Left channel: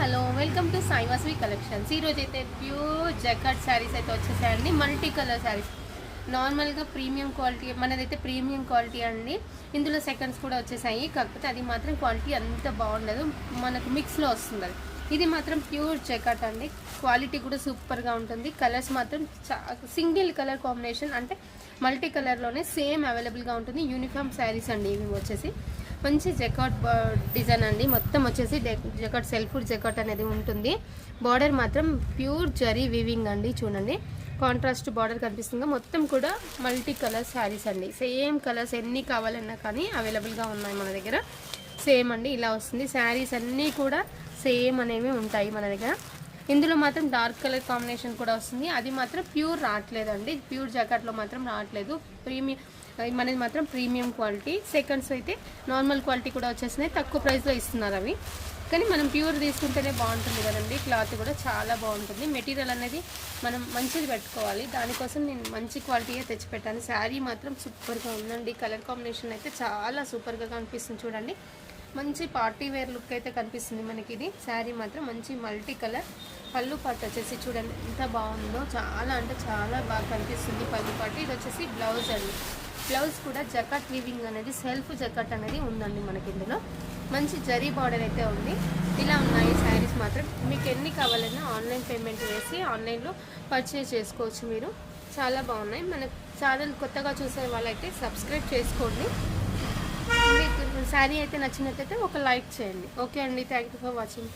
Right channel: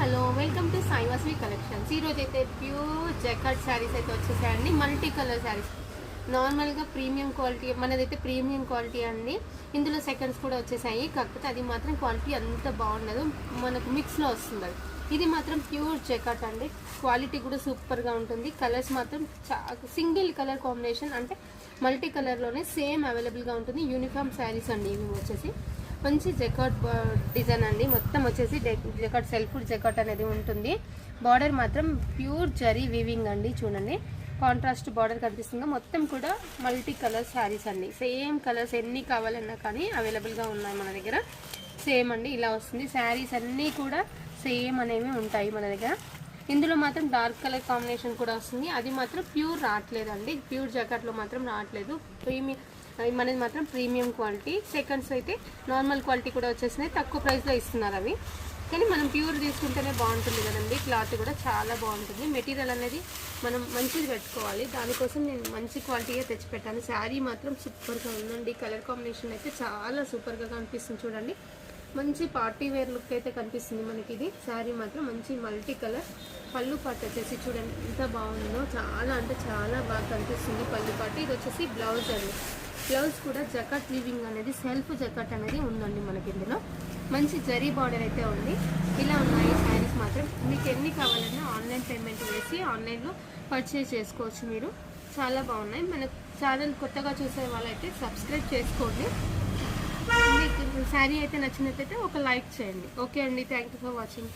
Hello welcome to Sai Vasavi collections. ఈరోజు అయితే pure jacquard saris అయితే వచ్చేసాయండి. మల్టీ కలర్ శారీస్, నార్మల్గా ప్రీమియం క్వాలిటీ, మనదైతే ప్రీమియం క్వాలిటీ అండి. ఇందులో సెకండ్స్ కూడా వచ్చేసాయి, కాకపోతే అది మాత్రం క్వాలిటీ అంత బాగుండదు, మనకు మిక్స్లో వస్తుంది. ఇది మాత్రం ప్యూర్ జకార్డ్ అండి. క్వాలిటీ కూడా సూపర్గా ఉంటుంది. కలర్స్ మాత్రం సింగిల్ కలర్ కాంబినేషన్, అంటే మల్టీ కలర్లోనే సేమ్ అవైలబుల్గా ఉంటుంది. యూనిఫామ్ శారీస్ అండి ఇవి వచ్చేసి. మంచి జకార్డ్ డిజైన్ అండి. మొత్తం వచ్చేసి జకార్డ్ సెల్ఫ్ జకార్డ్ అనేది ఉంటుంది. బార్డర్ మాత్రం ప్యూర్ జరీ వీవింగ్ అండి. చూడండి, కాంట్రాస్ట్ బార్డర్ కనిపిస్తుంది. మొత్తం కూడా మల్టీ కలర్ శారీస్ అండి. సేమ్ కలర్స్ ఎన్ని కావాలన్నా కానీ అవైలబుల్గా ఉన్నాయి మన దగ్గర. సేమ్ అండి, ఇలా వస్తుంది. శారీస్ అన్నీ కూడా సేమ్ అనేవి ఉంటాయి మన దగ్గర. ఇందులో మాత్రం డార్క్ కలర్ కాంబినేషన్ కూడా వస్తుంది. అది మాత్రం ప్యూర్ రావట్లేదండి. ప్యూర్ జకార్డ్లో మాత్రం రావట్లేదు. మనది మాత్రం ప్రీమియం క్వాలిటీ. సెకండ్స్ అయితే నార్మల్ క్వాలిటీ కూడా వచ్చేసినాయి, తక్కువ ప్రైస్లో ఇస్తున్నారు అవి. కానీ మనం ప్యూర్ తీసుకుంటేనే బాగుంటుంది కదండి. క్లాత్ కూడా చాలా బాగుంటుంది. మెటీరియల్ అనేది మనం మంచిది పెట్టుకోవాలి, దానికోసం నేను మంచి క్వాలిటీగా తెచ్చిపెట్టాను. శారీ మాత్రం సూపర్గా ఉందండి. కలర్ కాంబినేషన్ అయితే చాలా సూపర్గా కనిపిస్తుంది. చూడండి, మంచి పార్టీ వేర్ లుక్ అయితే కనిపిస్తుంది మనకి. ఇది శారీ మాత్రం మంచి మల్టీ కలర్. పళ్ళు పాటు వచ్చేసి చూడండి ఎంత బాగుందో, చాలా అంటే చాలా బాగా కనిపిస్తుంది పళ్ళు పాటు. ఇది వచ్చేసి బ్లౌజ్ అండి. బ్లౌజ్ కూడా జకార్డ్ వీవింగ్ అనేది, సెల్ఫ్ జకార్డ్ అనేది ఉందండి మనకి. ఇందులో మంచి జరీ బార్డర్ అయితే ఉంది. ఇలా ఉన్నాయి శారీస్ మాత్రం. మీకు ఎన్ని కావాలన్నా ఆన్లైన్ పేమెంట్ వేసి ఆన్లైన్లో పర్చేస్ చేసుకోవచ్చు మీరు. చాలా బాగున్నాయి. మన ఛానల్ కొత్తగా చూసే వాళ్ళైతే సబ్స్క్రైబ్ చేసుకోండి. మీకు శారీ అయితే నచ్చినట్లయితే ఒక లైక్ చేయండి. ఓకే అండి, థ్యాంక్ యూ ఫర్ వాచింగ్.